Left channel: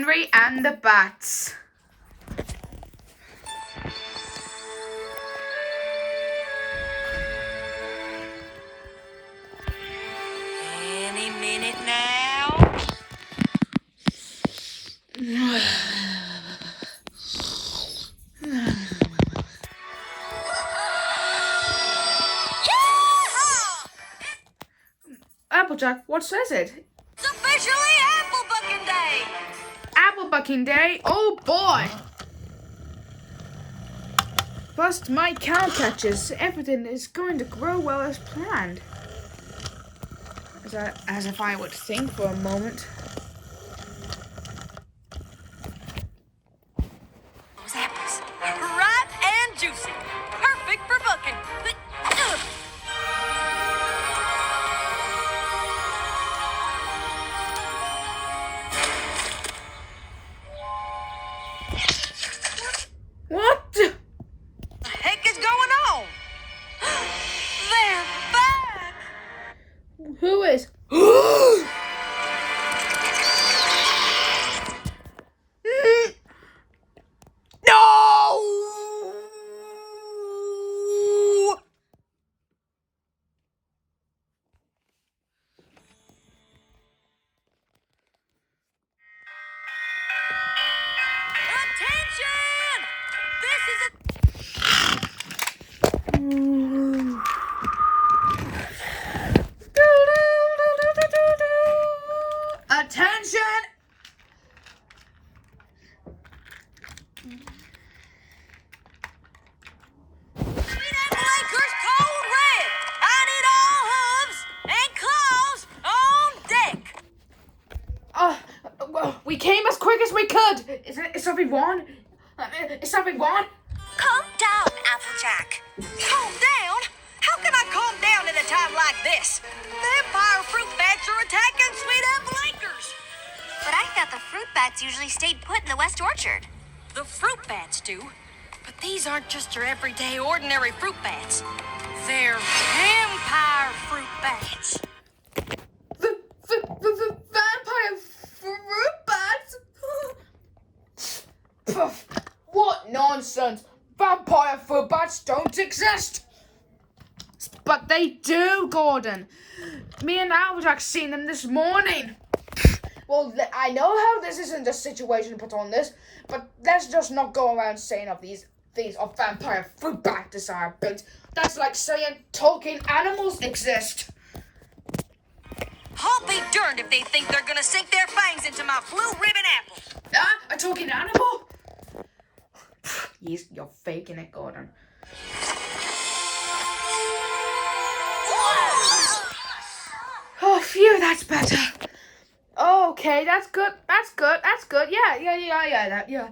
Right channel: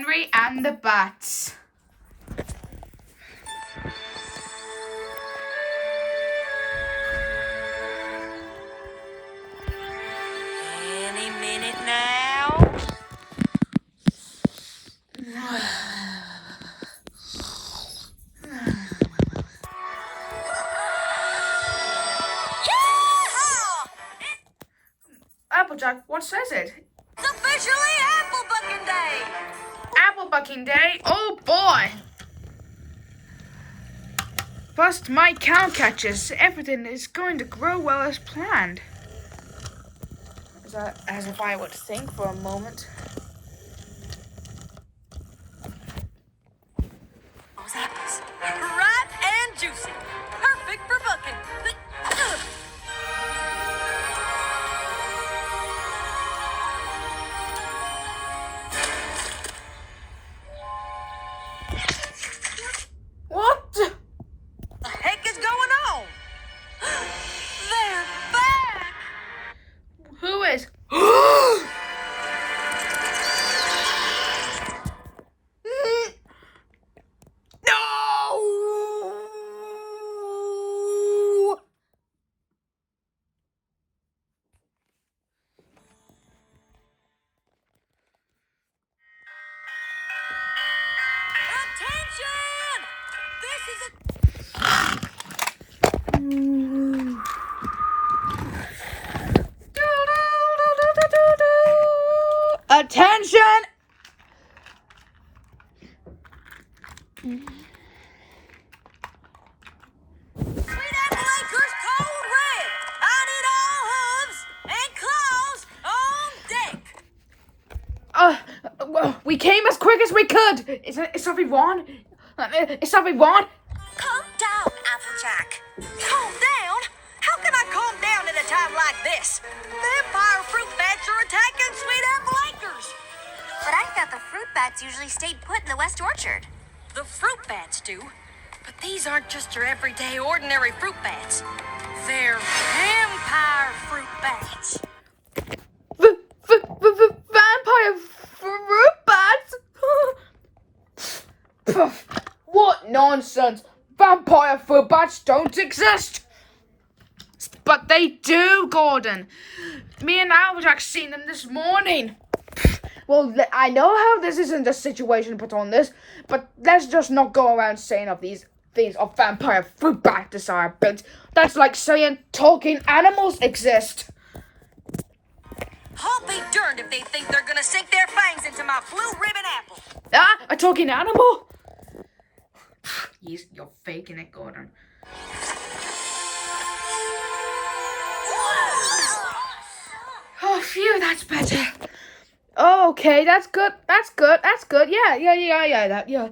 Henry and the Bats. Any minute now. Applejack, what says it? It's officially Apple Bucking Day! Apple Bucking Day? Oh boy! First, my cow catches. Everything is going to grow well as planned. As if I would think for a moment. Those apples, ripe and juicy. Perfect for bucking. What? The heck is going on? They're back! Who is? No! Attention! This is a... Attention! Lakers code red. I need all hooves and claws on deck. Well, we came as quick as we could. Is something wrong? Is something wrong? Calm down, Applejack. Calm down? How can I calm down at a time like this? Vampire fruit bats are attacking sweet apple acres. But I thought the fruit bats usually stayed put in the West Orchard. The fruit bats do. But these aren't just your everyday, ordinary fruit bats. They're vampire fruit bats. Vampire fruit bats? What nonsense! Vampire fruit bats don't exist! But they do, Gordon. Me and Applejack seen them this morning. Well, I know how this isn't a situation put on this, but let's just not go around saying of these things of vampire fruit bat desirability. That's like saying talking animals exist. I'll be darned if they think they're gonna sink their fangs into my blue ribbon apple. Ah, a talking animal? You're faking it, Gordon. Oh, phew, that's better. Okay, that's good. Yeah.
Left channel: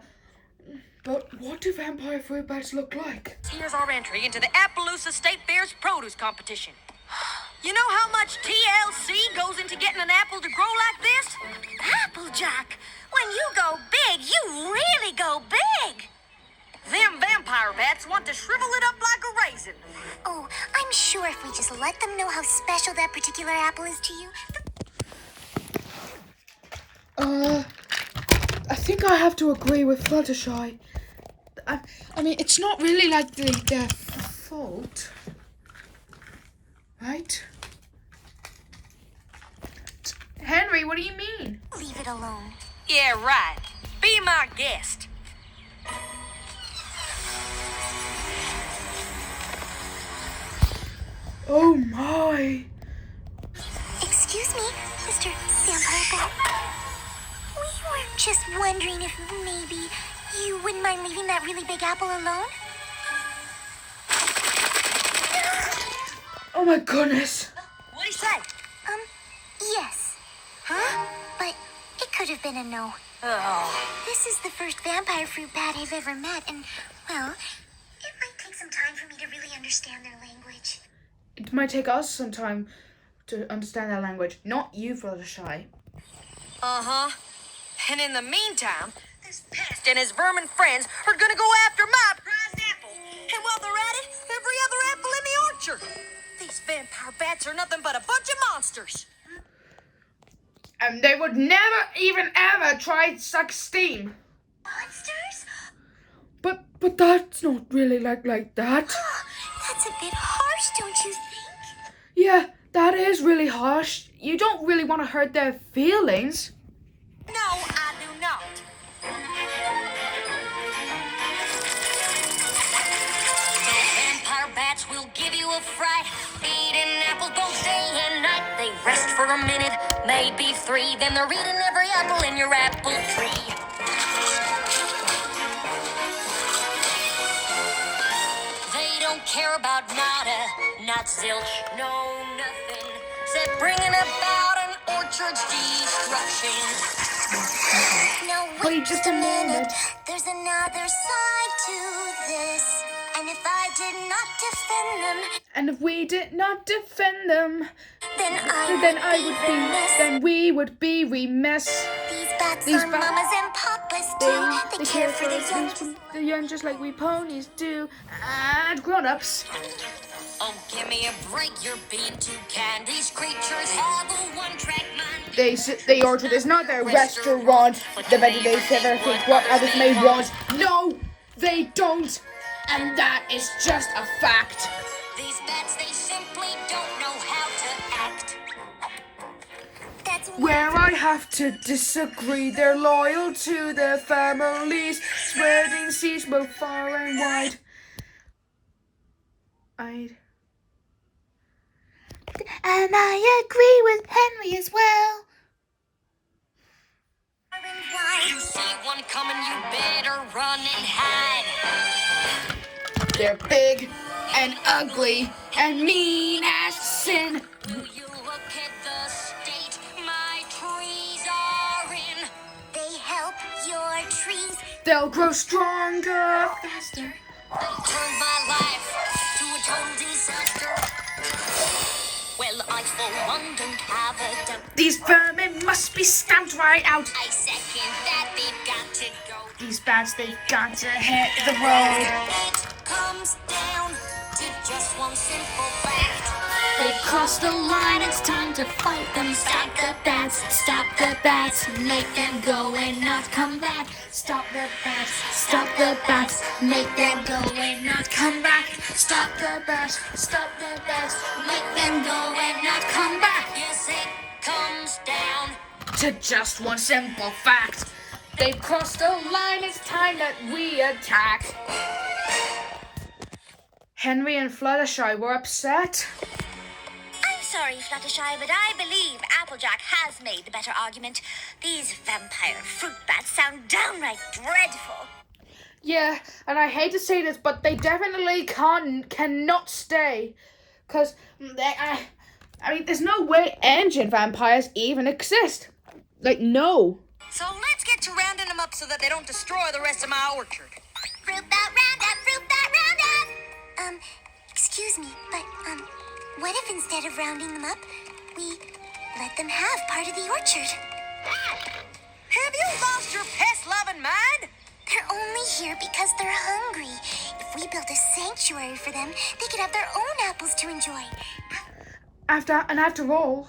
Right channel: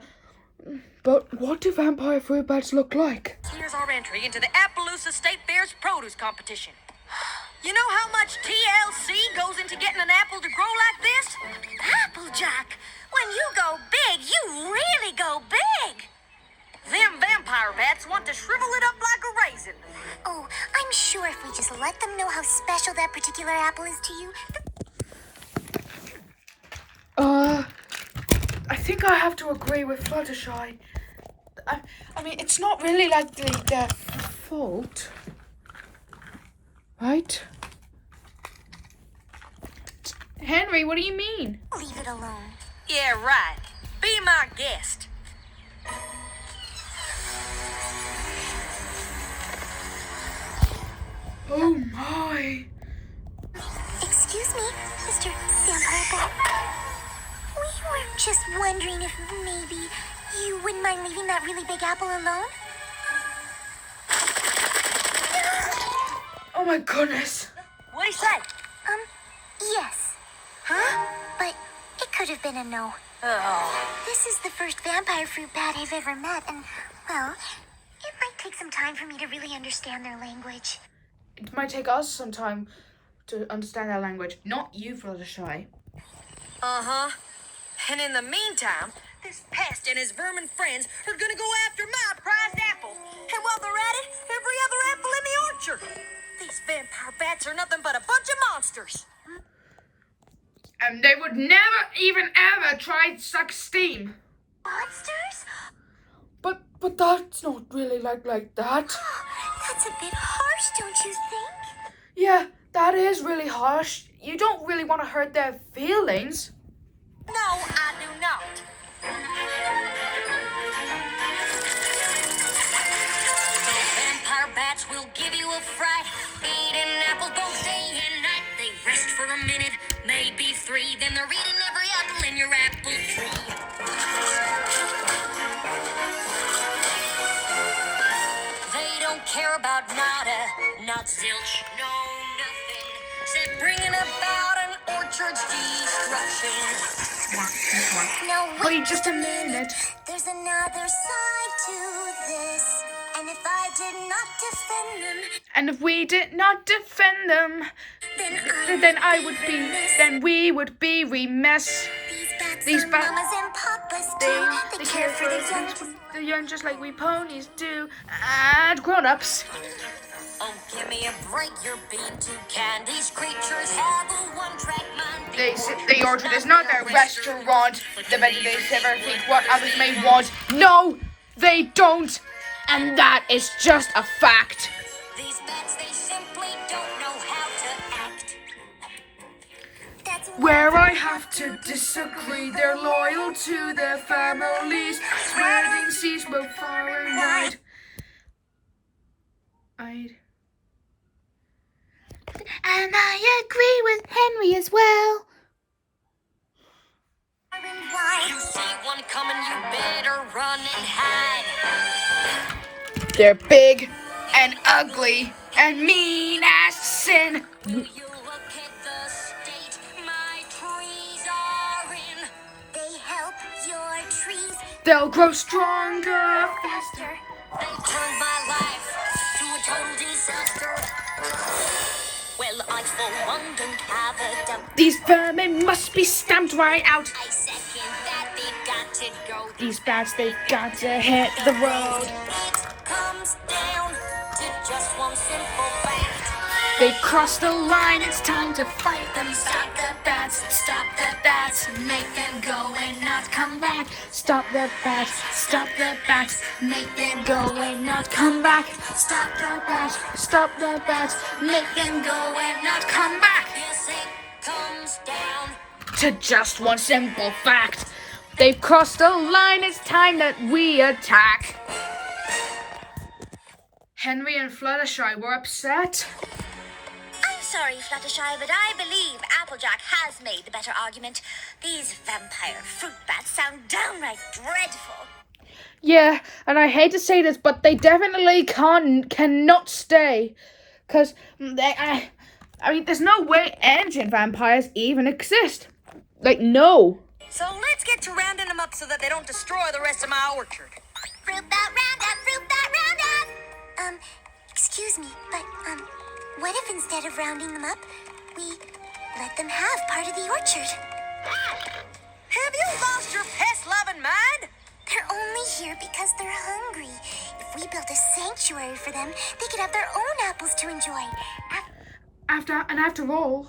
But what do vampire fruit bats look like? Here's our entry into the Appaloosa State Fair's produce competition. You know how much TLC goes into getting an apple to grow like this? Applejack, when you go big, you really go big. Them vampire bats want to shrivel it up like a raisin. Oh, I'm sure if we just let them know how special that particular apple is to you. I think I have to agree with Fluttershy. I mean, it's not really like their fault, right? Henry, what do you mean? Leave it alone. Yeah, right. Be my guest. Oh my! Excuse me, Mr. Vampire Bat. We were just wondering if maybe you wouldn't mind leaving that really big apple alone? Oh my goodness! What'd he say? Yes. Huh? But it could have been a no. Oh. This is the first vampire fruit bat I've ever met, and, well, it might take some time for me to really understand their language. It might take us some time to understand their language, not you, Fluttershy. Uh-huh. And in the meantime, this pest and his vermin friends are gonna go after my prized apple. And while they're at it, every other apple in the orchard. These vampire bats are nothing but a bunch of monsters. And they would never even ever try to suck steam. Monsters? But that's not really like that. That's a bit harsh, don't you think? Yeah, that is really harsh. You don't really want to hurt their feelings. No, I do not. Those vampire bats will give you a fright. Eating apples both day and night. They rest for a minute, maybe 3. Then they're eating every apple in your apple tree. They don't care about nada, not zilch, no nothing. Except bringing about an orchard's destruction. No, Wait just a minute. There's another side to this. And if I did not defend them, And if we did not defend them, then we would be remiss. These bats are mamas and papas too. They care for the young just like we ponies do, and grown-ups. Oh, give me a break, you're being too kind. These creatures have a one-track mind. The orchard is not their restaurant. The better they ever think what others may want. No, they don't. And that is just a fact. These bats, they simply don't know how to act. That's Where I have to disagree, they're loyal to their families, spreading seeds both far and wide. And I agree with Henry as well. You see one coming, you better run and hide. They're big and ugly and mean as sin. Do you look at the state my trees are in? They help your trees. They'll grow stronger, faster. They turned my life to a total disaster. Well, I for one don't have a doubt. These vermin must be stamped right out. I second that they've got to go. These bats, they've got to hit the road. It comes down to just one simple fact. They've crossed the line, it's time to fight them. Stop the bats, make them go and not come back. Stop the bats, make them go and not come back. Stop the bats, make them go and not come back. Yes, it comes down. To just one simple fact. They've crossed the line, it's time that we attack. Henry and Fluttershy were upset. I'm sorry, Fluttershy, but I believe Applejack has made the better argument. These vampire fruit bats sound downright dreadful. Yeah, and I hate to say this, but they definitely cannot stay. Because, I mean, there's no way ancient vampires even exist. Like, no. So let's get to rounding them up so that they don't destroy the rest of my orchard. Fruit bat roundup, fruit bat roundup! Excuse me, but, what if instead of rounding them up, we let them have part of the orchard? Have you lost your pest-loving mind? They're only here because they're hungry. If we built a sanctuary for them, they could have their own apples to enjoy. After all, After a while,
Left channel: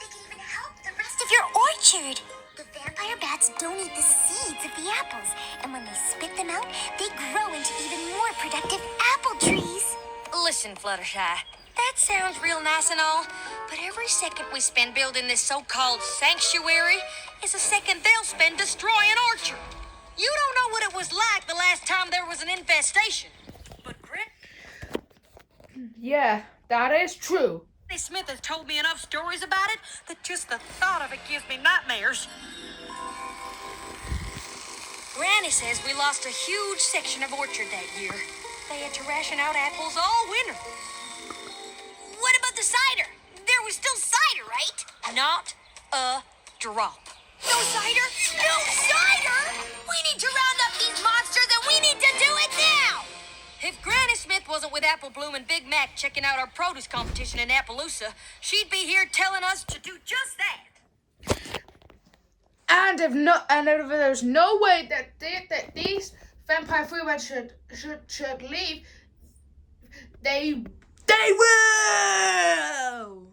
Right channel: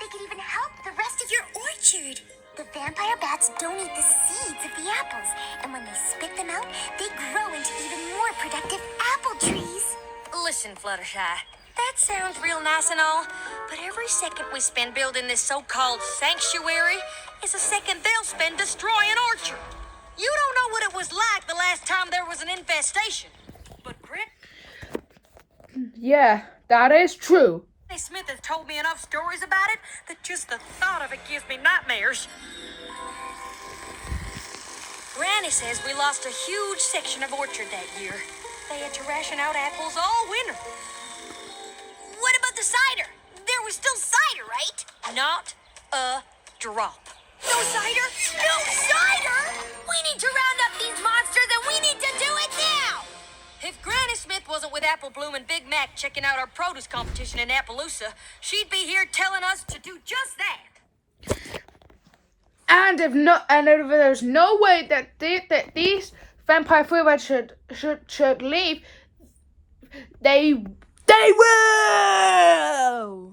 they could even help the rest of your orchard. The vampire bats don't eat the seeds of the apples, and when they spit them out, they grow into even more productive apple trees. Listen, Fluttershy, that sounds real nice and all, but every second we spend building this so-called sanctuary is a second they'll spend destroying orchard. You don't know what it was like the last time there was an infestation. But Grip, yeah, that is true. Granny Smith has told me enough stories about it that just the thought of it gives me nightmares. Granny says we lost a huge section of orchard that year. They had to ration out apples all winter. What about the cider? There was still cider, right? Not a drop. No cider? No cider? We need to round up these monsters and we need to do it now! If Granny Smith wasn't with Apple Bloom and Big Mac checking out our produce competition in Appaloosa, she'd be here telling us to do just that. And if there's no way that these vampire fruit bats should leave, they will.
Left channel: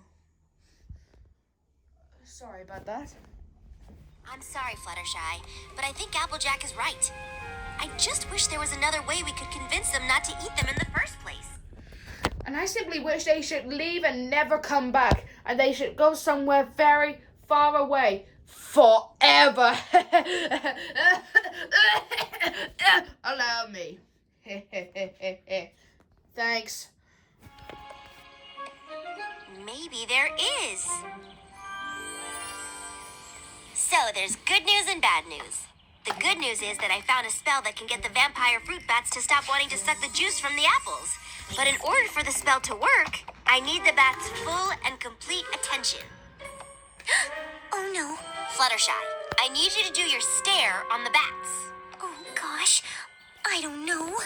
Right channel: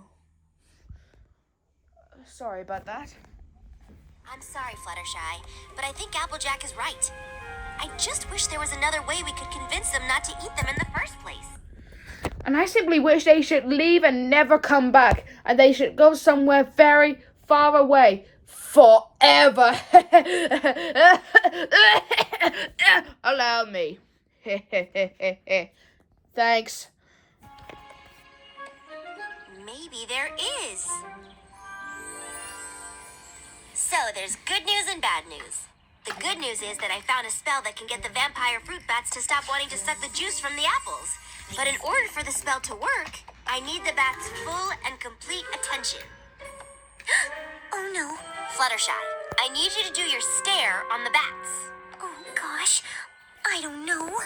sorry about that. I'm sorry, Fluttershy, but I think Applejack is right. I just wish there was another way we could convince them not to eat them in the first place. And I simply wish they should leave and never come back. And they should go somewhere very far away. Forever. Allow me. Thanks. Maybe there is. So there's good news and bad news. The good news is that I found a spell that can get the vampire fruit bats to stop wanting to suck the juice from the apples. But in order for the spell to work, I need the bats' full and complete attention. Oh no. Fluttershy, I need you to do your stare on the bats. Oh gosh, I don't know.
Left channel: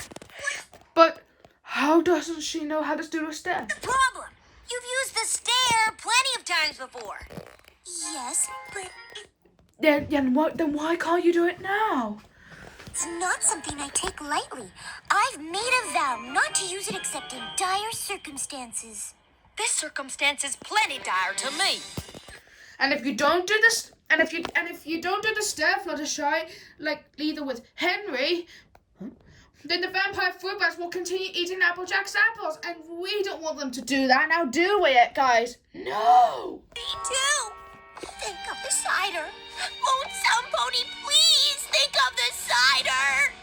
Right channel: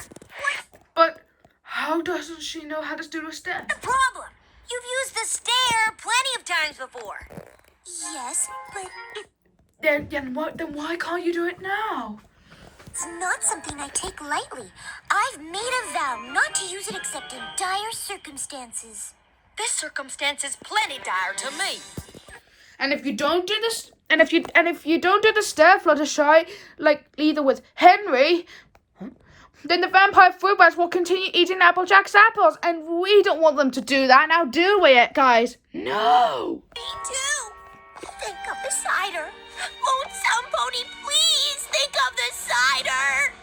But how doesn't she know how to do a step? The problem! You've used the stare plenty of times before. Yes, but Then why can't you do it now? it's not something I take lightly. I've made a vow not to use it except in dire circumstances. This circumstance is plenty dire to me. And if you don't do this, and if you don't do the stare, Fluttershy, like either with Henry, then the vampire fruit bats will continue eating Applejack's apples, and we don't want them to do that. Now, do we, guys? No. Me too. Think of the cider. Won't some pony please think of the cider?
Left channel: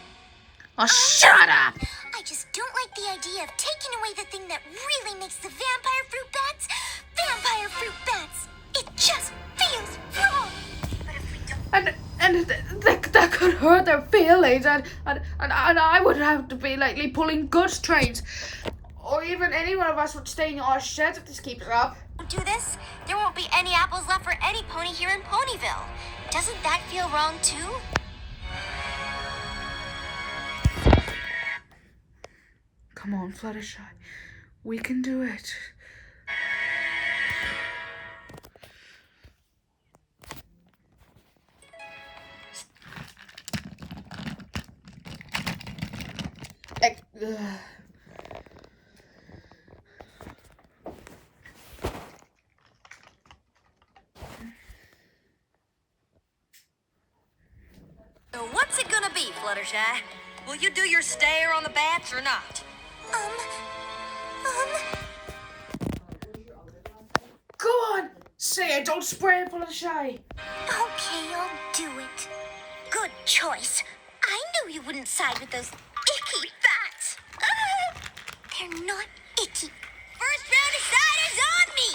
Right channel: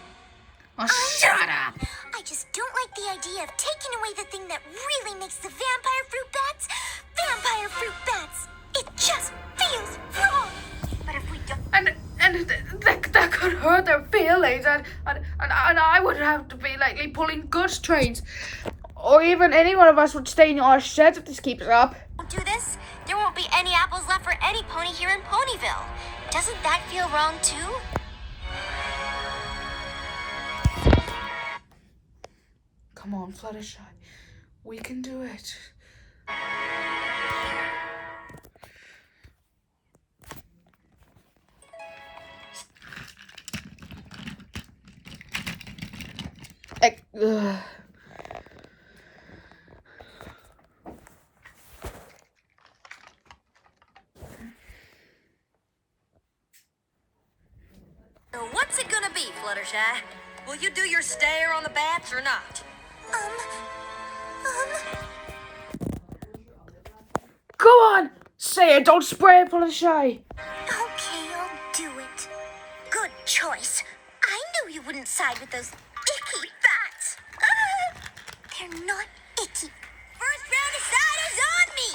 Oh, shut up. I just don't like the idea of taking away the thing that really makes the vampire fruit bats vampire fruit bats. It just feels wrong. But if we don't... And that could hurt their feelings, and I would have to be likely pulling goods trains, or even any one of us would stay in our sheds if this keeps up. do this, there won't be any apples left for any pony here in Ponyville. Doesn't that feel wrong too? Come on, Fluttershy. We can do it. So what's it gonna be, Fluttershy? Will you do your stare on the bats or not? Go on! Say it, don't spray it, Fluttershy. Okay, I'll do it. Good choice. I knew you wouldn't side with those icky bats. They're not icky. First round of ciders on me!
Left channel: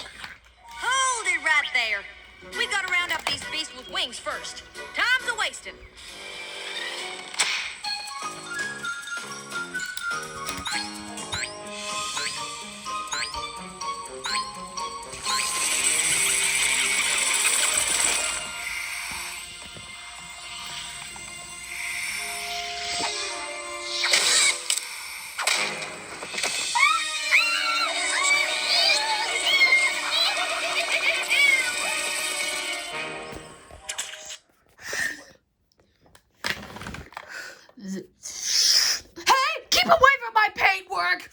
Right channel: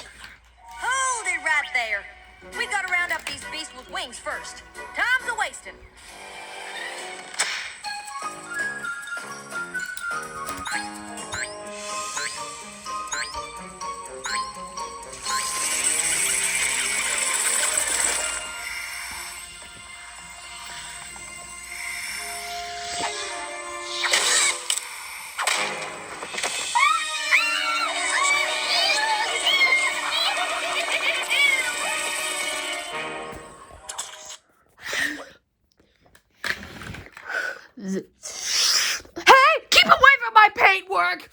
Hold it right there. We gotta round up these beasts with wings first. Time's a-wasting. Hey! Keep away from my paintwork!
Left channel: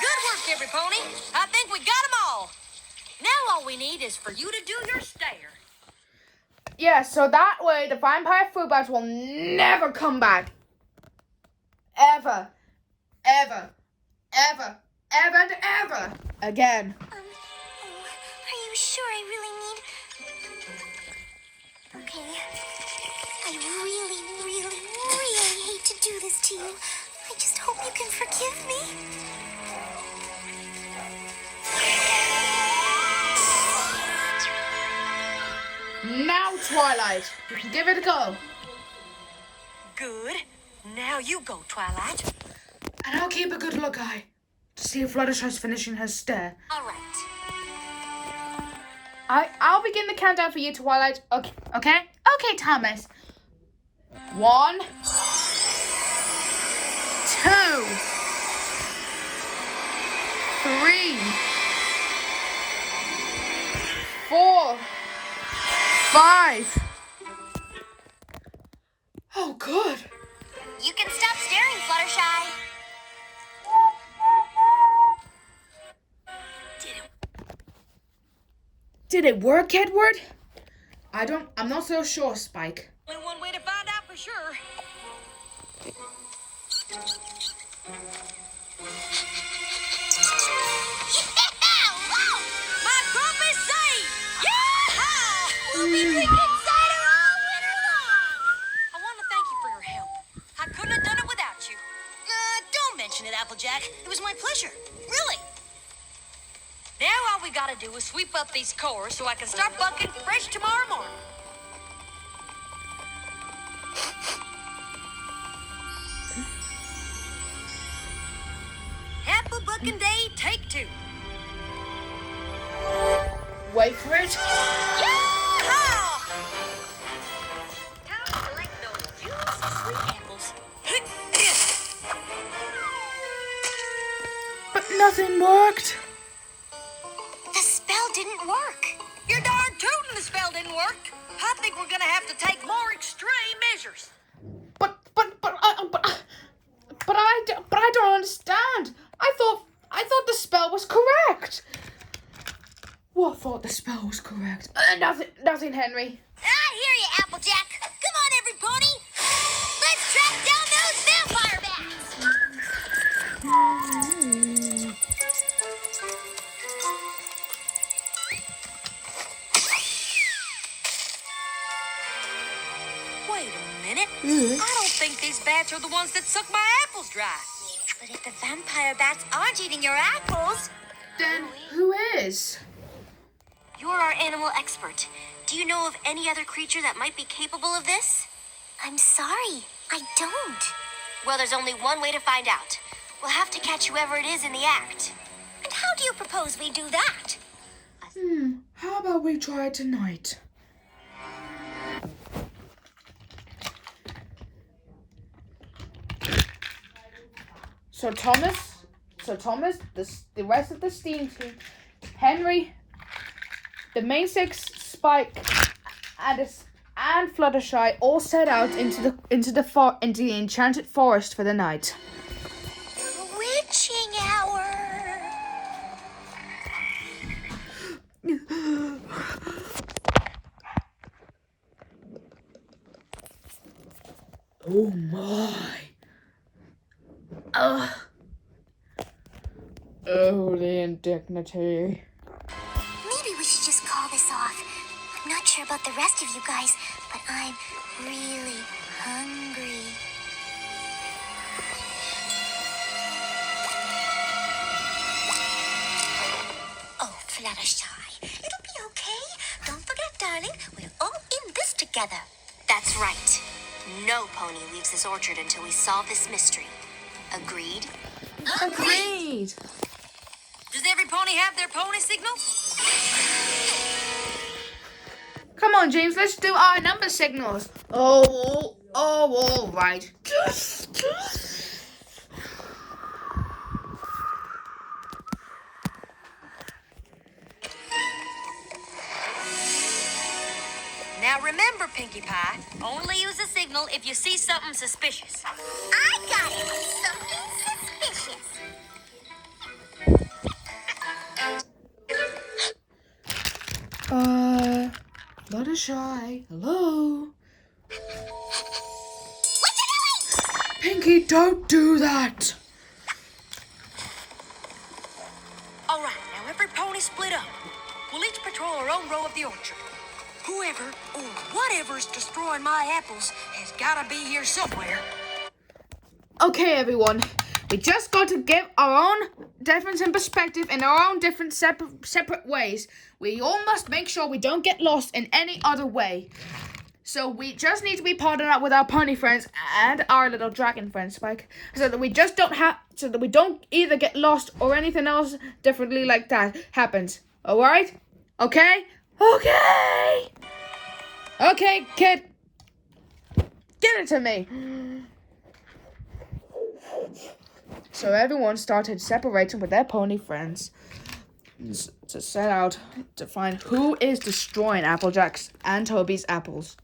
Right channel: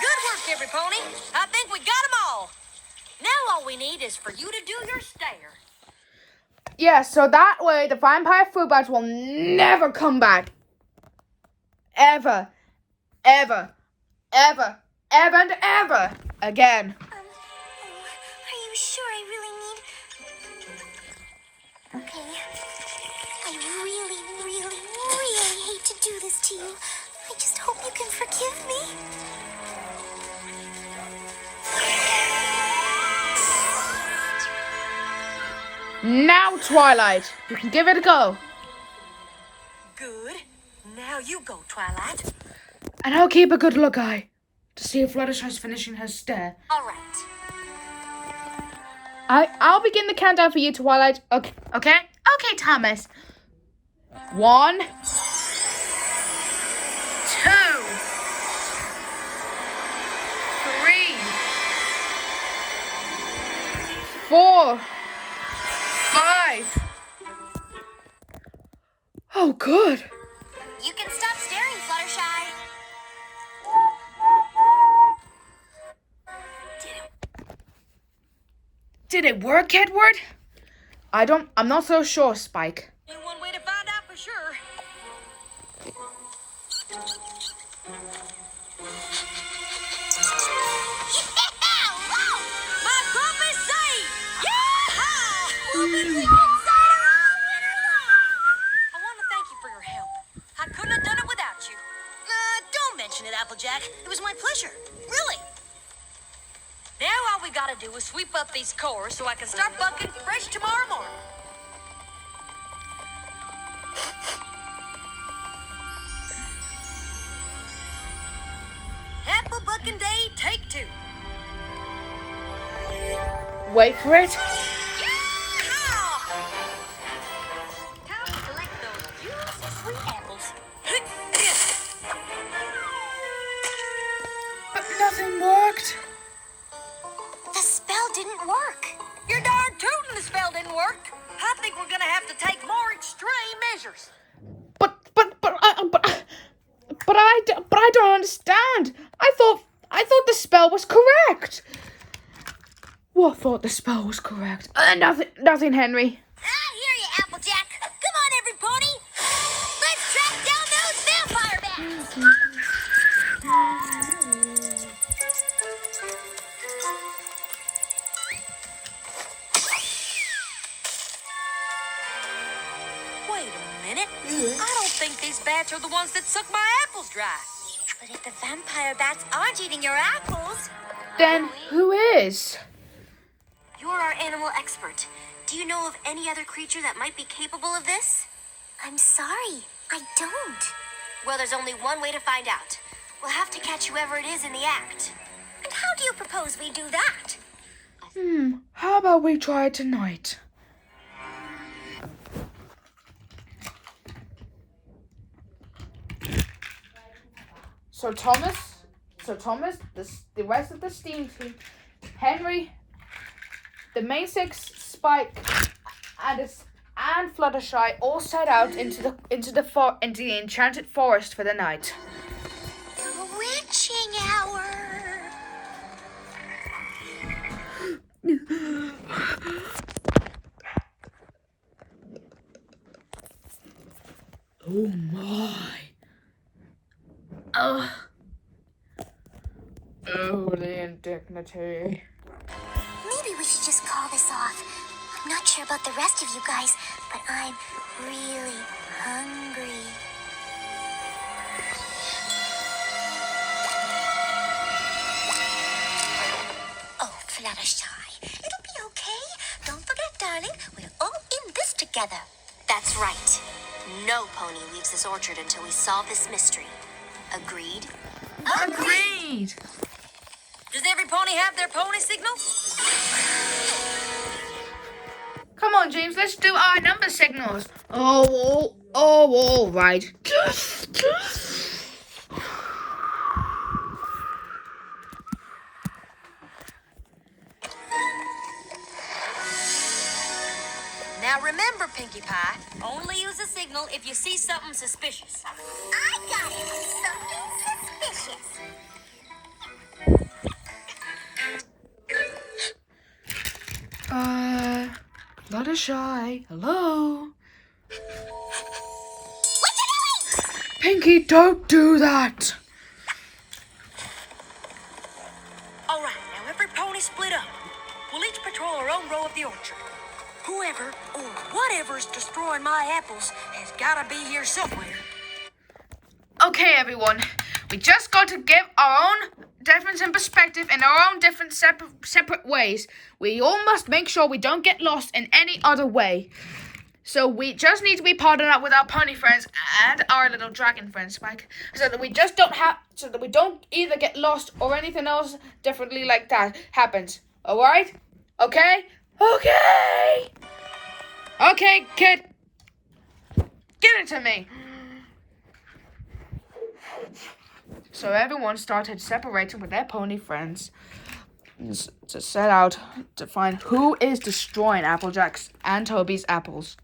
Good work, every pony. I think we got them all. Now all we need is for you to do your stare. Yeah, so that way the vampire fruit bats will never come back. Ever. Ever. Ever. Ever and ever. Again. Are you sure I really need... Okay. I really, really, really hate to do this to you. I just hope you can forgive me. Now, Twilight, you can give it a go. Good. Now you go, Twilight. And I'll keep a good look eye to see if Fluttershy's finishing her stare. All right. I'll begin the countdown for you, Twilight. Okay? Okay, Thomas. 1, 2, 3, Did it work, Edward? I'm not so sure, Spike. Only one way to find out for sure. My crop is saved! Yeah! We'll be drinking cider all winter long! I want to thank you for your help. I couldn't have done it without you. Don't mention it, Applejack. It was my pleasure. Really. Now all we gotta do is sweep up these cores so I can start bucking fresh tomorrow morning. Apple bucking day, take 2. Wait for it. Yeah! Time to collect those juicy sweet apples. But nothing worked. The spell didn't work. You're darn tootin' the spell didn't work. I think we're gonna have to take more extreme measures. But I don't understand. I thought the spell was correct. What thought the spell was correct? Nothing, Henry. I hear you, Applejack. Come on, every pony. Let's track down those vampire bats. Wait a minute. I don't think these bats are the ones that suck my apples dry. But if the vampire bats aren't eating your apples, Then who is? you're our animal expert. Do you know of any other creature that might be capable of this? I'm sorry, I don't. Well, there's only one way to find out. We'll have to catch whoever it is in the act. And how do you propose we do that? How about we try it tonight? So Thomas, the rest of the steam team, Henry, the main 6, Spike, and Fluttershy all set out into the enchanted forest for the night. Witching hour. Oh my! Oh, the indignity. Maybe we should just call this off. I'm not sure about the rest of you guys, but I'm really hungry. Oh, Fluttershy, it'll be okay. Don't forget, darling, we're all in this together. That's right. No pony leaves this orchard until we solve this mystery. Agreed? Agreed. Does every pony have their pony signal? Come on, James, let's do our number signals. Oh, all right. Now remember, Pinkie Pie, only use a signal if you see something suspicious. I got it. Something suspicious. Fluttershy, hello? What you doing? Pinkie, don't do that! All right, now every pony split up. We'll each patrol our own row of the orchard. Whoever or whatever's destroying my apples has got to be here somewhere. Okay, everyone. We just got to give our own difference in perspective in our own different separate ways. We all must make sure we don't get lost in any other way. So we just need to be partnered up with our pony friends and our little dragon friends, Spike, so that we don't either get lost or anything else differently like that happens. All right? Okay? Okay. Okay, kid. Give it to me. So everyone started separating with their pony friends to set out to find who is destroying Applejack's and Toby's apples.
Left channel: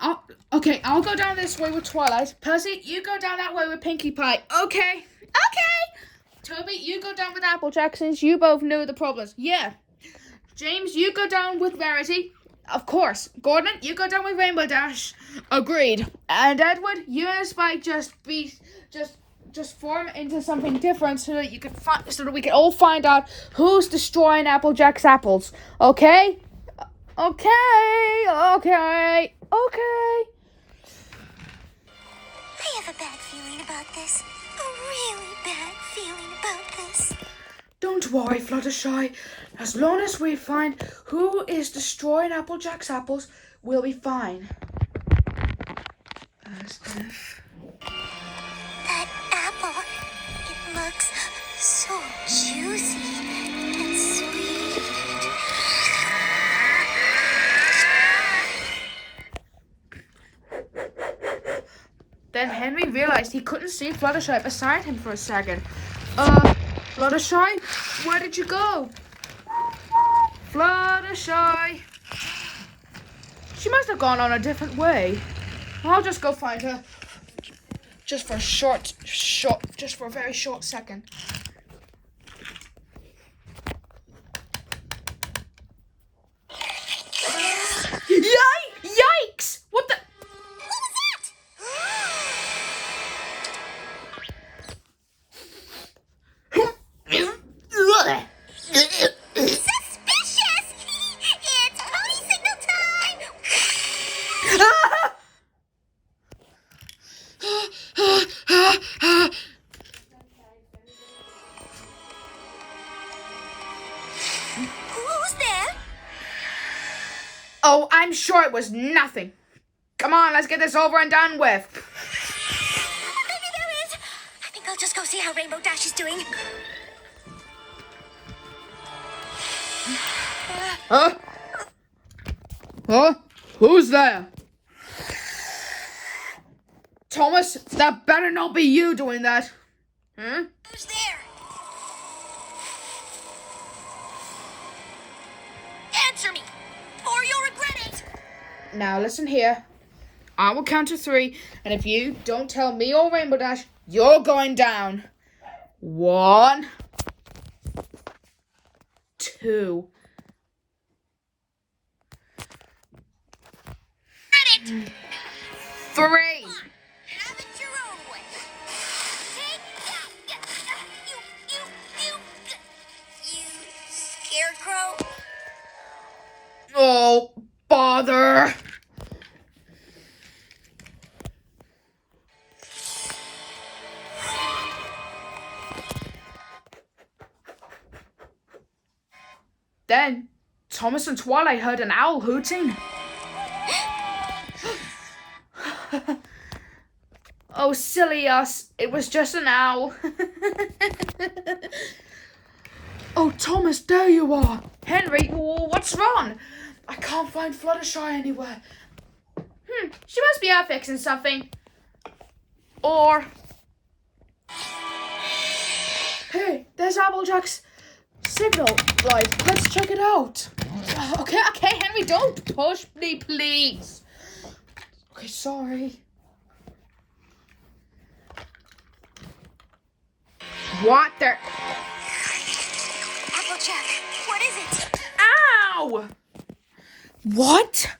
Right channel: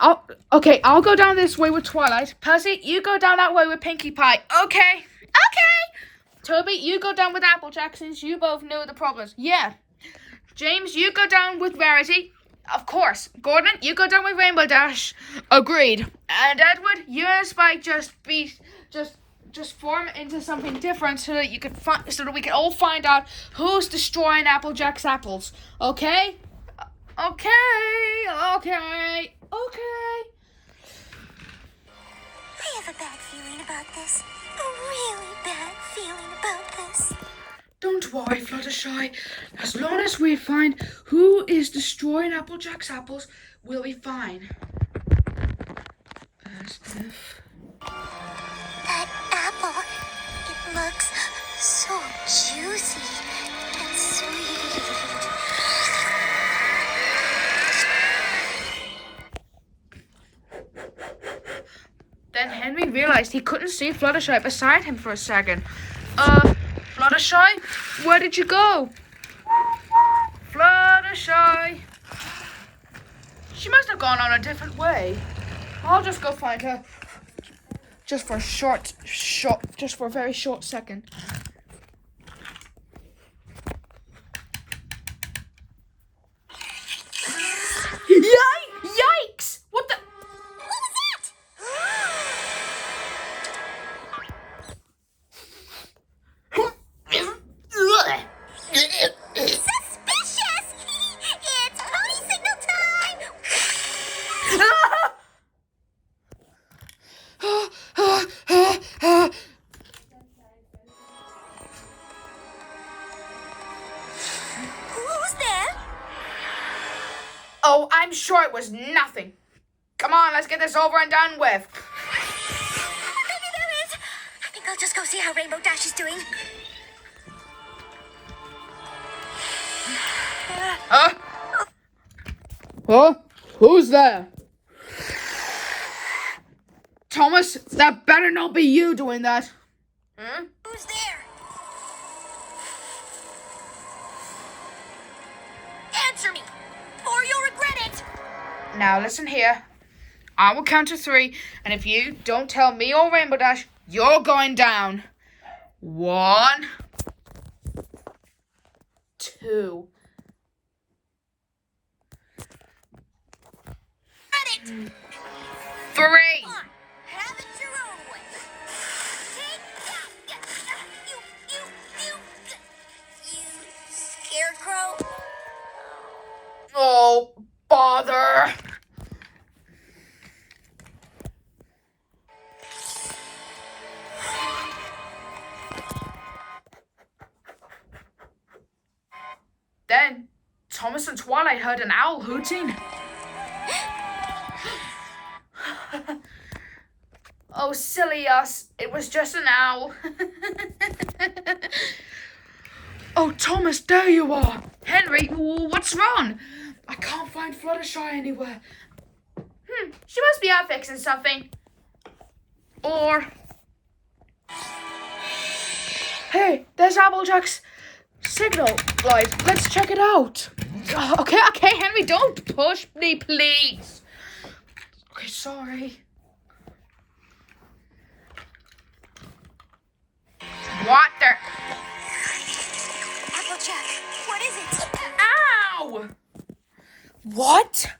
I'll go down this way with Twilight. Percy, you go down that way with Pinkie Pie. Okay. Toby, you go down with Applejack since you both knew the problems. Yeah. James, you go down with Rarity. Of course. Gordon, you go down with Rainbow Dash. Agreed. And Edward, you and Spike just form into something different so that we can all find out who's destroying Applejack's apples. Okay? Okay. I have a bad feeling about this. A really bad feeling about this. Don't worry, Fluttershy. As long as we find who is destroying Applejack's apples, we'll be fine. As if... That apple, it looks so juicy and sweet. Then Henry realized he couldn't see Fluttershy beside him for a second. Fluttershy, where did you go? Fluttershy. She must have gone on a different way. I'll just go find her. Just for a very short second. Yikes! What the? What was that? Suspicious! It's pony signal time! Who's there? Oh, I'm sure it was nothing. Come on, let's get this over and done with. Maybe there is. I think I'll just go see how Rainbow Dash is doing. Huh? What? Who's there? Thomas, that better not be you doing that. Hmm? Who's there? Answer me, or you'll regret it. Now listen here. I will count to 3, and if you don't tell me or Rainbow Dash, you're going down. 1, 2. Get it! 3. Have it your own way. Take that, you scarecrow. Oh, bother. Then, Thomas and Twilight heard an owl hooting. Oh, silly us. It was just an owl. Oh, Thomas, there you are. Henry, what's wrong? I can't find Fluttershy anywhere. She must be out fixing something. Or... Hey, there's Applejack's signal light. Let's check it out. Okay, Henry, don't push me, please. Okay, sorry. What the? Applejack, what is it? Ow! What?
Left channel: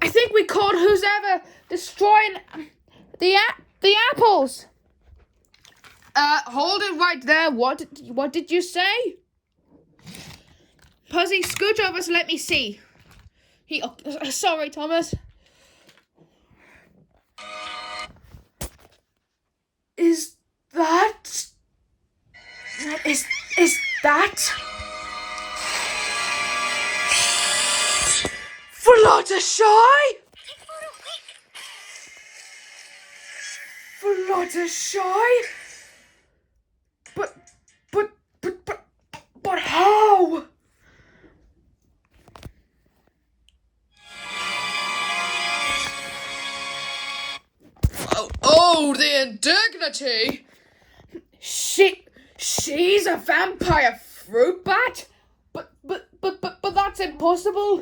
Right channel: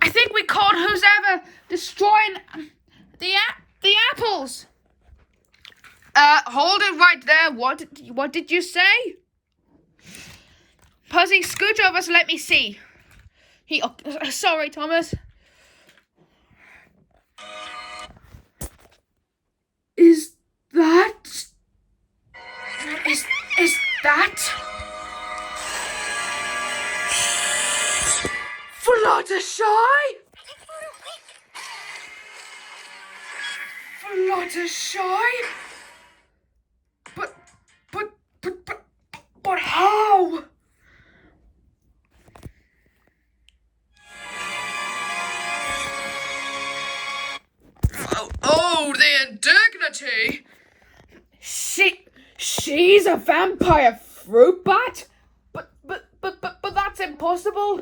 I think we called who's ever destroying the apples. Hold it right there. What did you say? Pussy, scooch over so let me see. Sorry, Thomas. Is that Fluttershy? Fluttershy? But how? Oh, the indignity! She's a vampire fruit bat? But that's impossible! possible?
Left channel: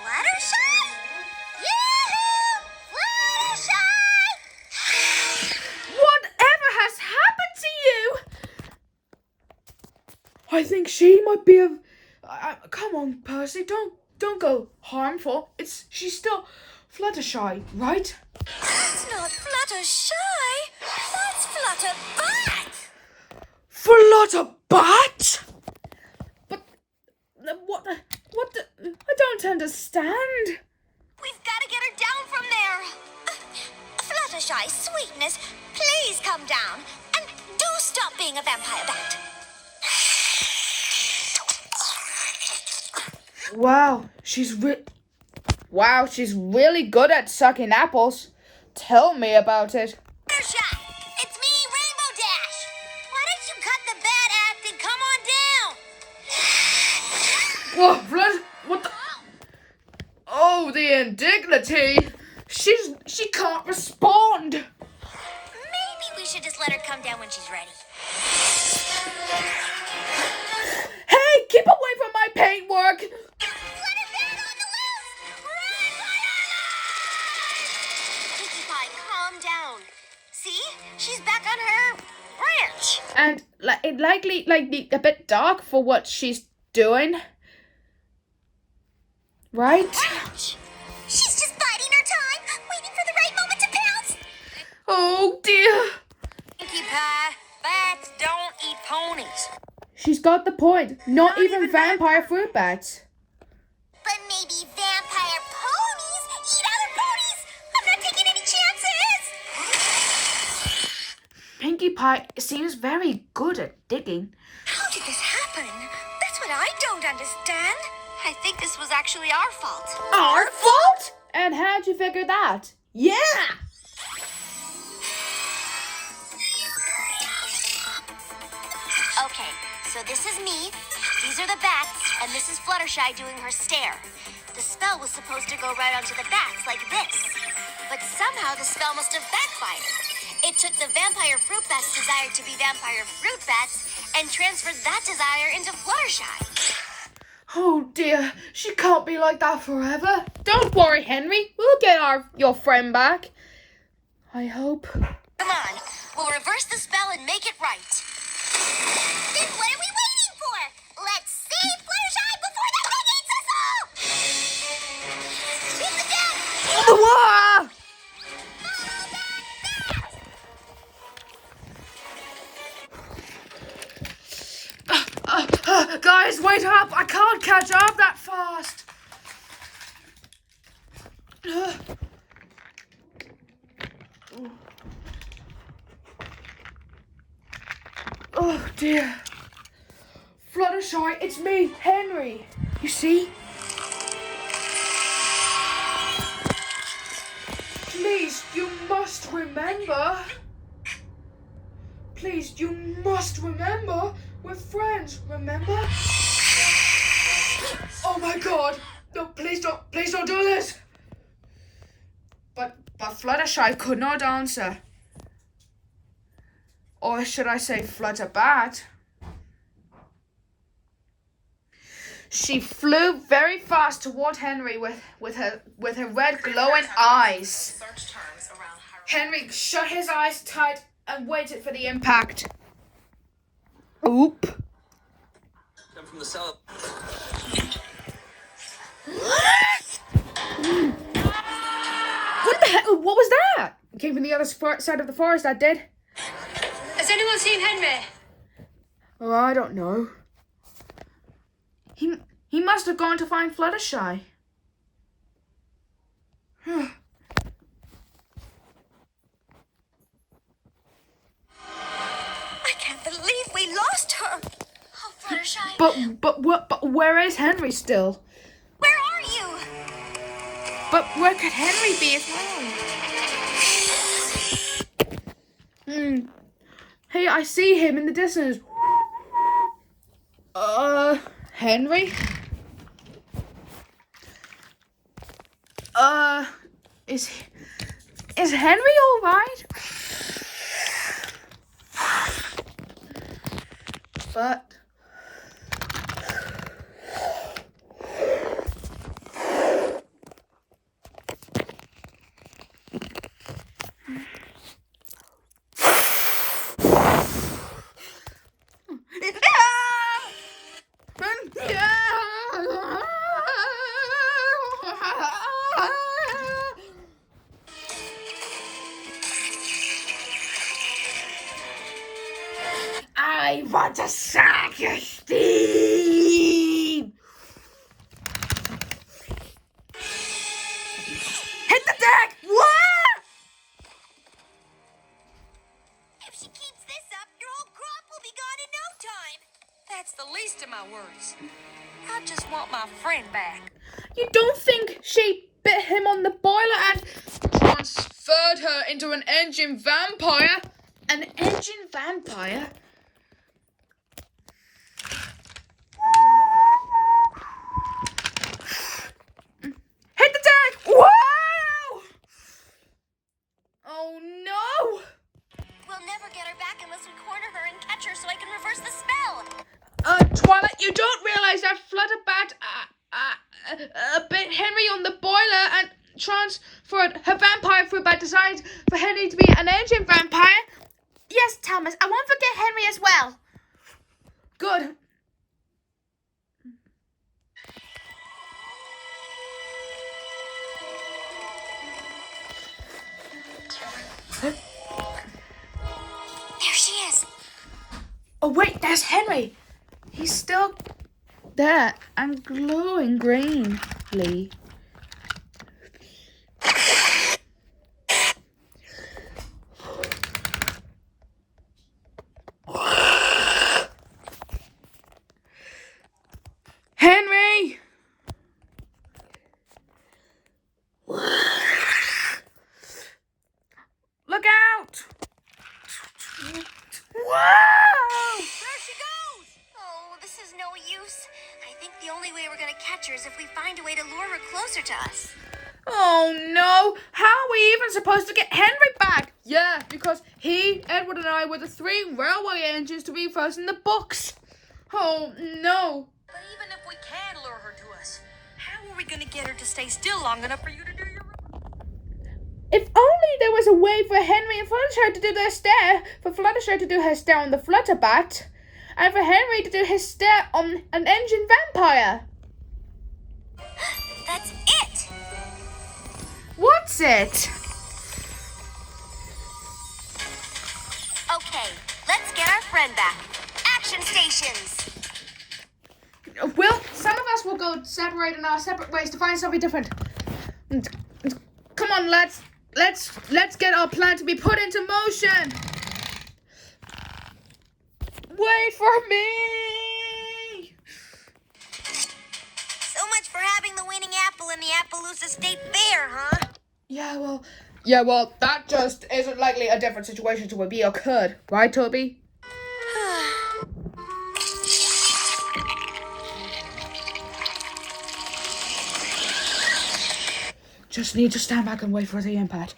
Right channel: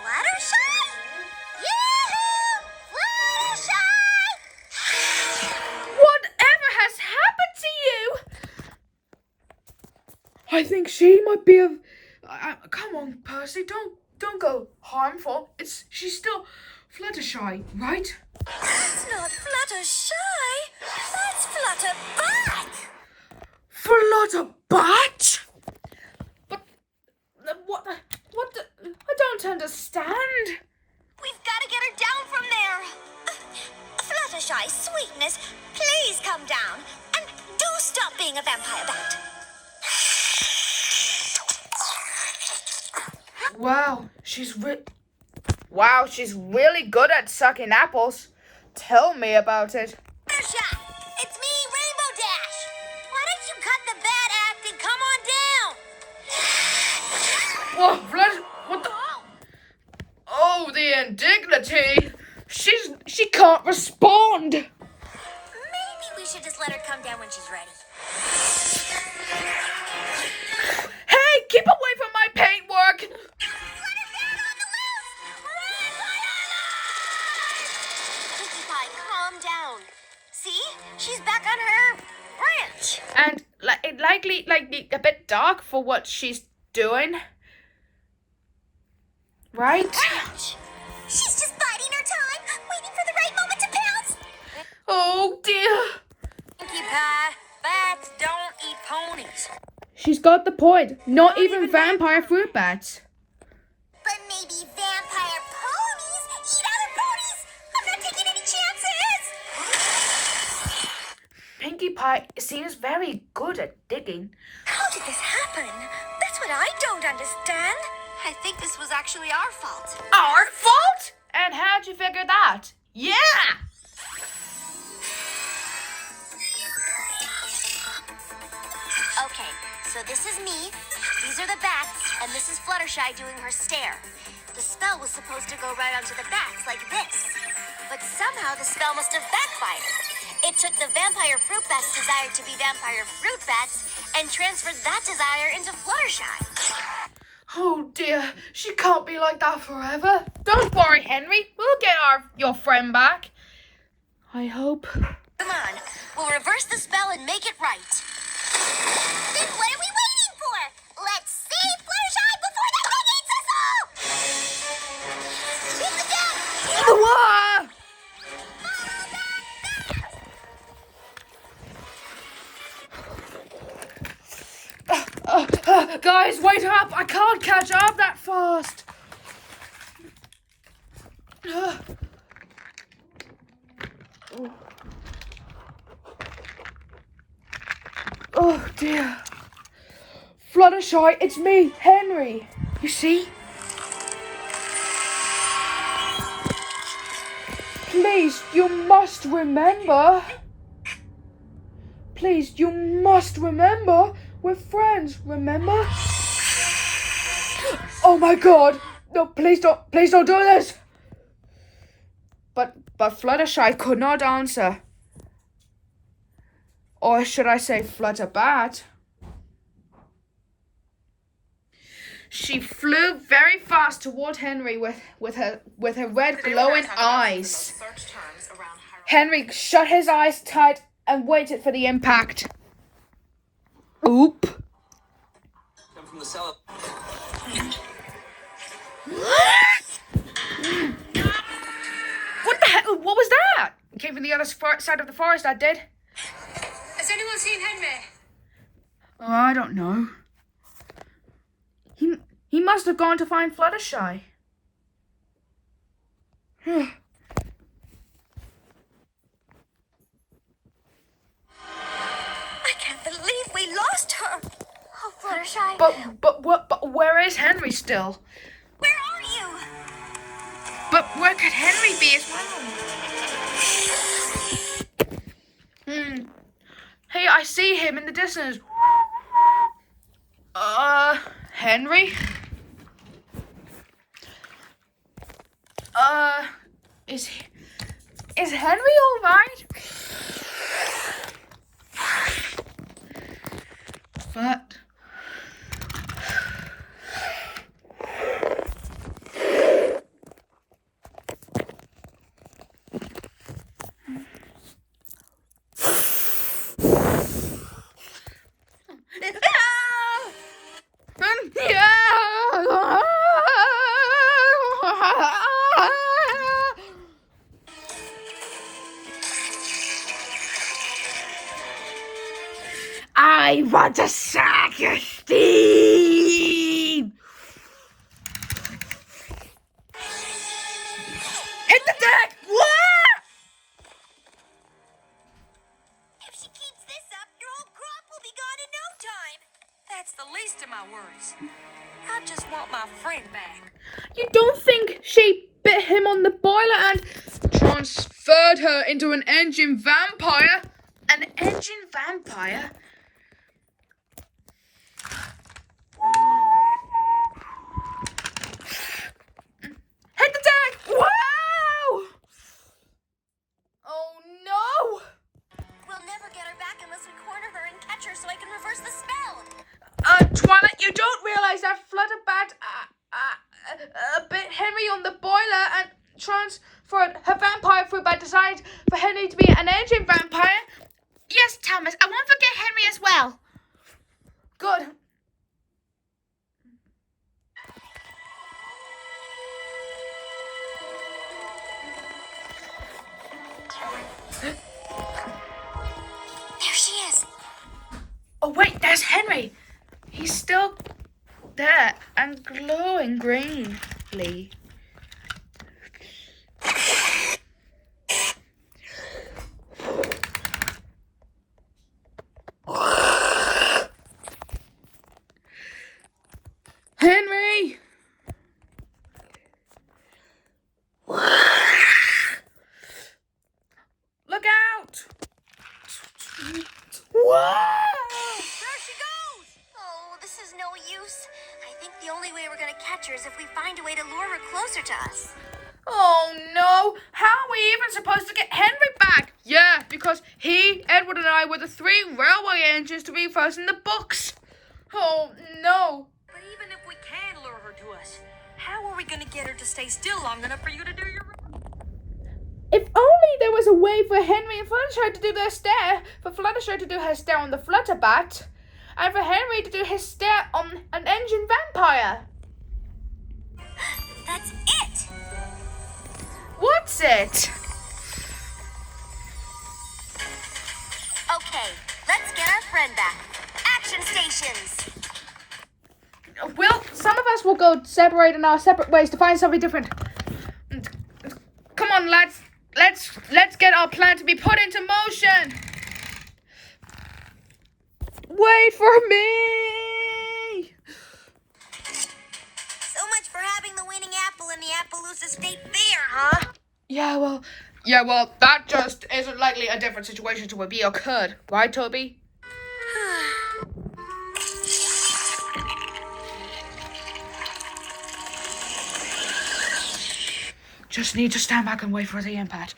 Fluttershy? Yoo-hoo! Fluttershy! Whatever has happened to you? I think she might be a... come on, Percy, don't go harmful. She's still Fluttershy, right? That's not Fluttershy. That's Flutterbat. Flutterbat? But what the... I don't understand. We've got to get her down from there. Fluttershy, sweetness, please come down. And do stop being a vampire bat. Wow, she's really good at sucking apples. Tell me about it. Fluttershy, it's me, Rainbow Dash. Why don't you cut the bad act and come on down? What the... Oh, the indignity. She can't respond. Maybe we should just let her come down when she's ready. Hey, keep away from my paintwork. Flutterbat on the loose! Run for your life! Pinkie Pie, calm down. See? She's back on her branch. And it likely a bit dark for what she's doing. Right? Branch! She's just biding her time, waiting for the right moment to pounce. Oh dear. Pinkie Pie, bats don't eat ponies. She's got the point. Not even vampire fruit bats. But maybe vampire ponies eat other ponies. I'm not taking any chances. Pinkie Pie seems very good at digging. How did this happen? That's what I don't understand. I think this was actually our fault. Our fault? And how'd you figure that? Yeah! Okay, so this is me, these are the bats, and this is Fluttershy doing her stare. The spell was supposed to go right onto the bats like this. But somehow the spell must have backfired. It took the vampire fruit bat's desire to be vampire fruit bats and transferred that desire into Fluttershy. Oh dear, she can't be like that forever. Don't worry, Henry. We'll get your friend back. I hope. Come on, we'll reverse the spell and make it right. Then what are we waiting for? Let's save Fluttershy before the thing eats us all! Hit the deck! Guys, wait up! I can't catch up that fast. Oh dear. Fluttershy, it's me, Henry. You see? Please, you must remember. Please, you must remember. We're friends, remember? Oh my god. No, please don't do this. But Fluttershy could not answer. Or should I say Flutterbat? She flew very fast toward Henry with her red glowing eyes. Henry shut his eyes tight and waited for the impact. Oop. Come from the cellar. What the heck? What was that? It came from the other side of the forest, that did. Has anyone seen Henry? Oh, I don't know. He must have gone to find Fluttershy. I can't believe we lost her. Oh, Fluttershy. But where is Henry still? Where are you? But where could Henry be as well? Hey, I see him in the distance. Henry? Is Henry all right? But I want to suck your steam. Hit the deck! What? If she keeps this up, your whole crop will be gone in no time. That's the least of my worries. I just want my friend back. You don't think she bit him on the boiler and transferred her into an engine vampire? An engine vampire? Hit the deck! Wow! Oh no! We'll never get her back unless we corner her and catch her so I can reverse the spell. Twilight, you don't realize that Flutterbat bit Henry on the boiler and transferred her vampire fruit by decided for Henry to be an engine vampire? Yes, Thomas. I won't forget Henry as well. Good. There she is. Oh wait, there's Henry. He's still there and glowing greenly. Henry! Look out! Wow! There she goes. Oh, this is no use. I think the only way we're going to catch her is if we find a way to lure her closer to us. Oh no! How are we even supposed to get Henry back? Yeah, because he, Edward, and I were the 3 railway engines to be first in the books. Oh no! But even if we can lure her to us, how are we going to get her to stay still long enough for you to do your... If only there was a way for Henry and Fluttershy to do their stare, for Fluttershy to do her stare on the Flutterbat, and for Henry to do his stare on an engine vampire. That's it. What's it? Okay, let's get our friend back. Action stations. Some of us will go separate in our separate ways to find something different. Come on, lads. Let's get our plan to be put into motion. Wait for me. So much for having the winning apple in the Appaloosa State Fair, huh? Yeah, well, that just isn't likely a different situation to be occurred. Right, Toby? Just need to stand back and wait for the impact.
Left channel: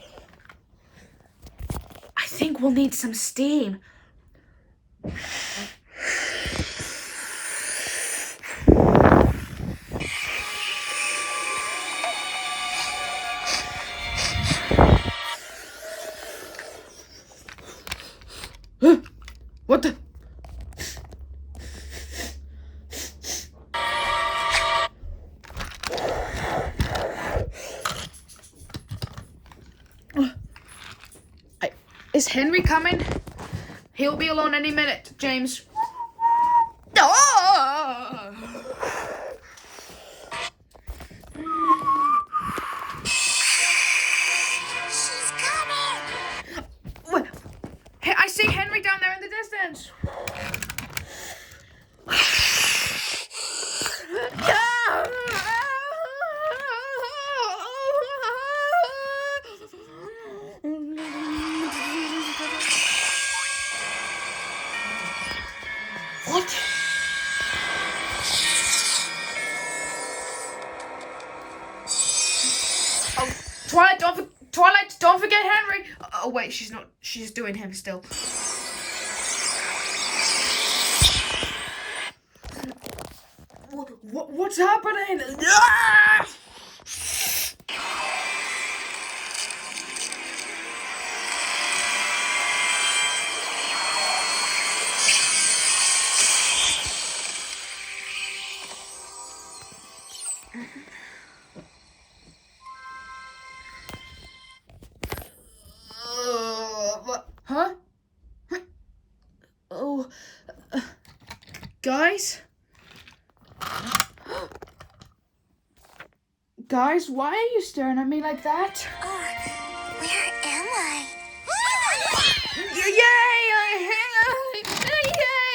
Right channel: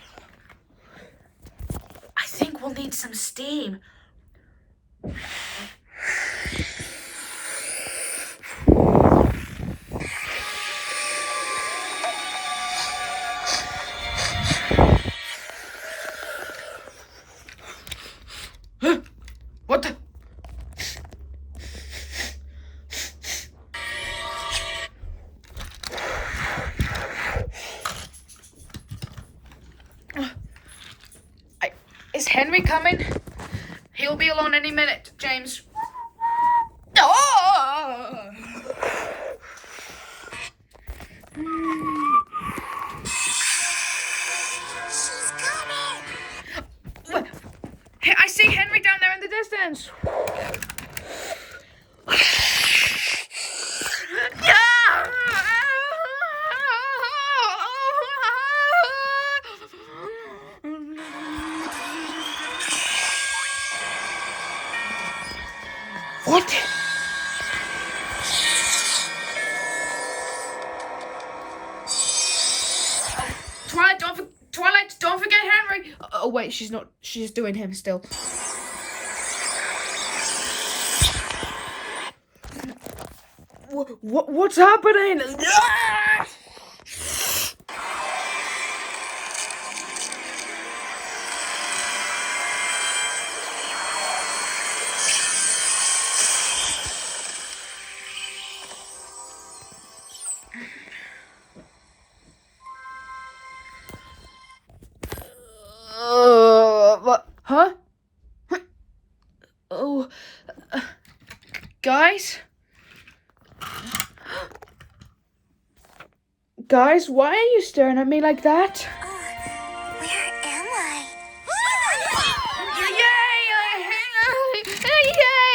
I think we'll need some steam. What the? Is Henry coming? He'll be alone any minute, James. Oh! She's coming. What? Hey, I see Henry down there in the distance. What? Oh, Twilight, don't forget Henry. Oh wait, she's not. She's doing him still. What's happening? Ah! Huh? Oh, guys? Guys, why are you staring at me like that? Where am I?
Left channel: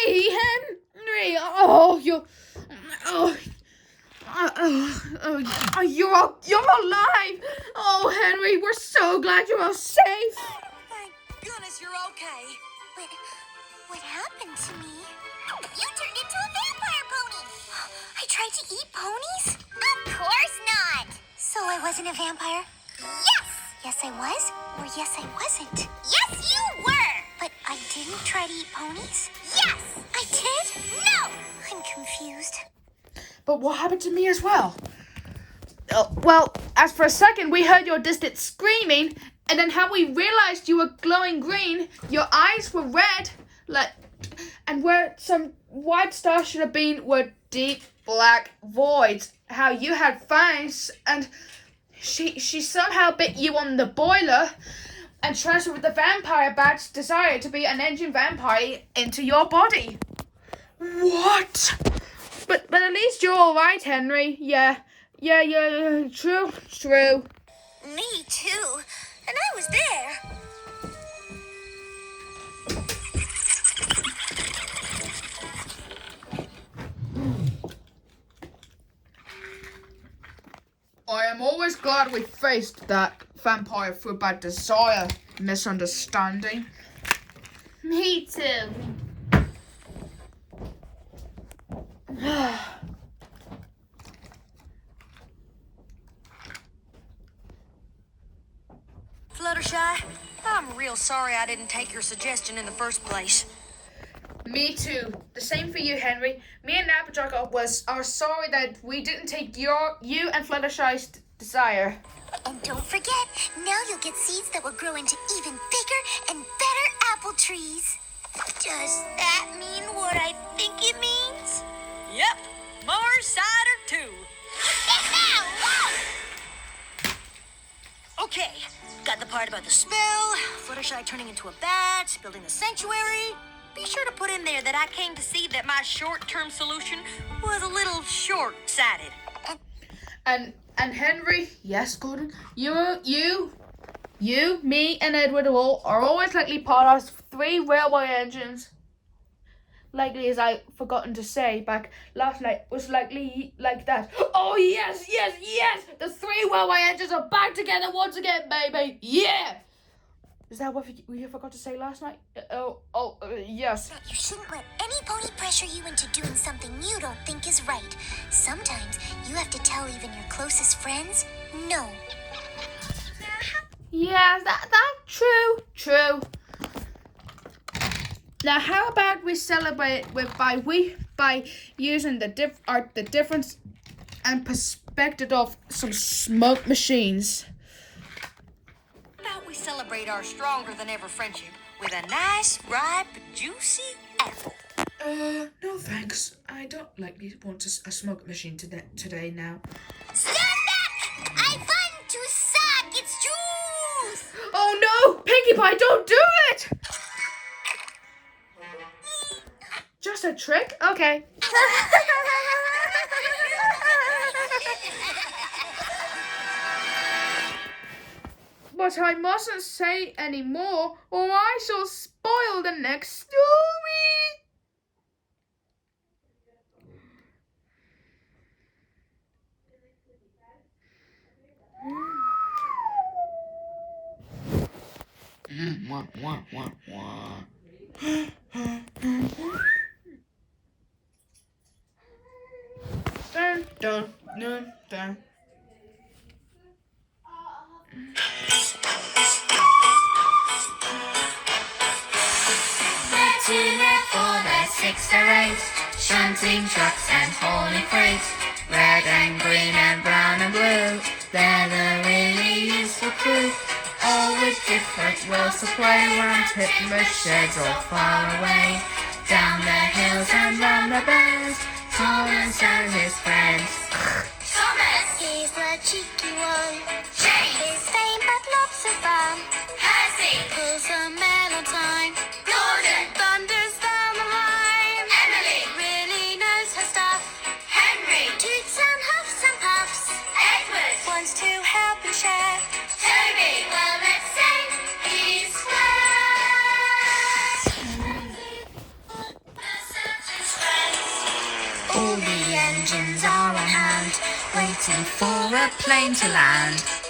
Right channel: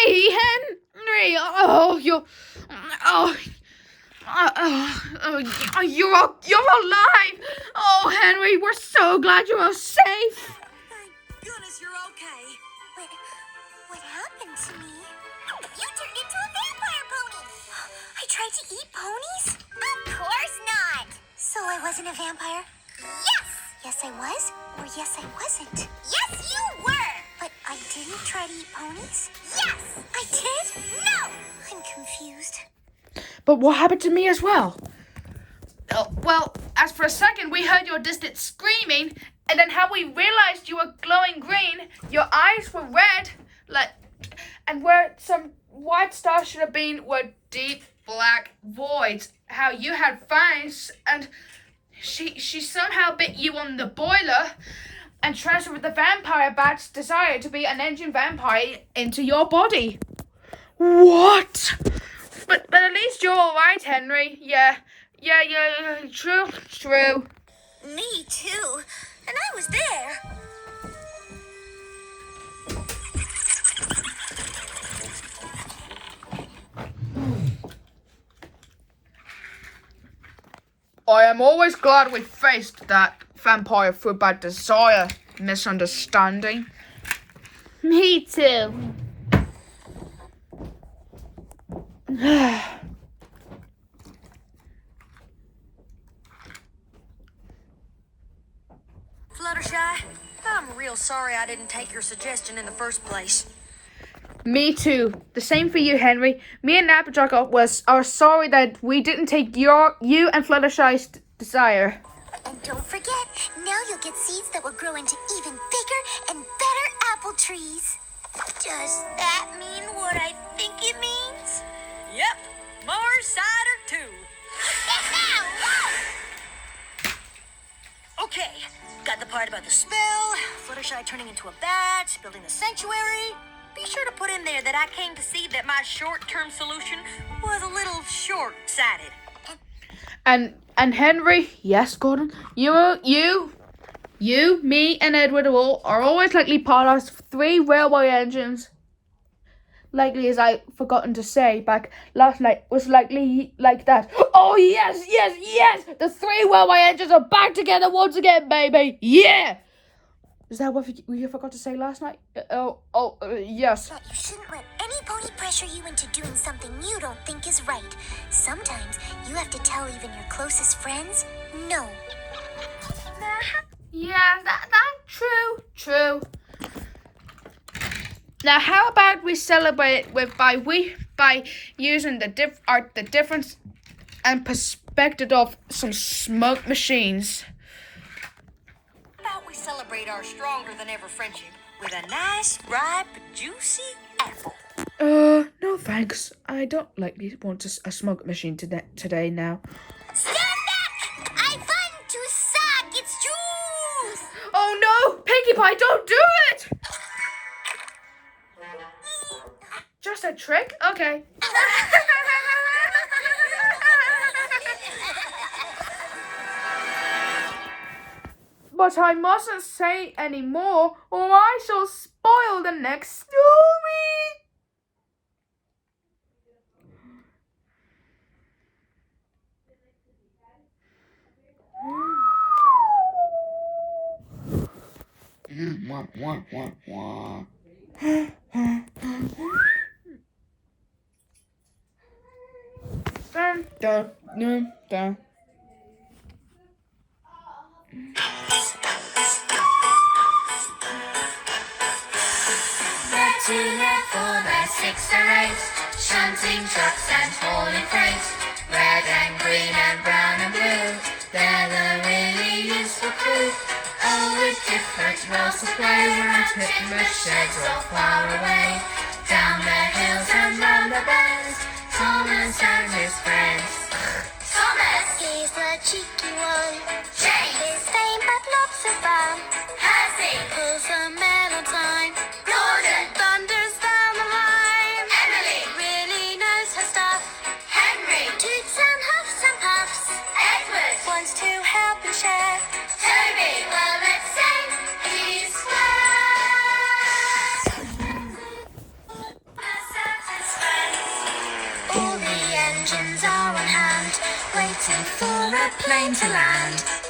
Yay, Henry! Oh, you're alive! Oh, Henry, we're so glad you're safe. Thank goodness you're okay. What happened to me? You turned into a vampire pony! I tried to eat ponies? Of course not! So I wasn't a vampire? Yes! Yes, I was? Or yes, I wasn't? Yes, you were! But I didn't try to eat ponies? Yes! I did? No! I'm confused. But what happened to me as well? Well, as for a second, we heard your distant screaming, and then how we realized you were glowing green, your eyes were red, and where some white stars should have been were deep black voids. How you had fangs, and she somehow bit you on the boiler and transferred the vampire bat's desire to be an engine vampire into your body. What? But at least you're all right, Henry. Yeah. True. Me too. And I was there. I am always glad we faced that vampire fruit bat desire misunderstanding. Me too. Fluttershy, I'm real sorry I didn't take your suggestion in the first place. Me too. The same for you, Henry. Me and Applejack are sorry that we didn't take you and Fluttershy's desire. And don't forget, now you'll get seeds that will grow into even bigger and better apple trees. Does that mean what I think it means? Yep, more cider too. Okay, got the part about the spell, Fluttershy turning into a bat, building the sanctuary. Be sure to put in there that I came to see that my short-term solution was a little short-sighted. And Henry, yes, Gordon, you, me, and Edward are always likely part of 3 railway engines. Likely, as I forgotten to say back last night, was likely like that. Oh yes! The 3 railway engines are back together once again, baby. Yeah. Is that what you forgot to say last night? Yes. That you shouldn't let any pony pressure you into doing something you don't think is right. Sometimes you have to tell even your closest friends no. Yeah, that's true. Now, how about we celebrate by using the difference and perspective of some smoke machines. How about we celebrate our stronger than ever friendship with a nice, ripe, juicy apple? No thanks. I don't want a smoke machine today now. Stand back! I want to suck its juice! Oh no! Pinkie Pie, don't do it! Just a trick? Okay. But I mustn't say any more, or I shall spoil the next story. Dun, dun, dun, dun. For the 6 or 8, shunting trucks and hauling freight, red and green and brown and blue, they're the really useful crew. All with different roles to play, we're on Pitman sheds all far away, down the hills and round the bends, Thomas and his friends. Thomas! He's the cheeky one. James! His fame but lots of fun. Percy! Pulls a man on time. engines are on hand, waiting for a plane to land.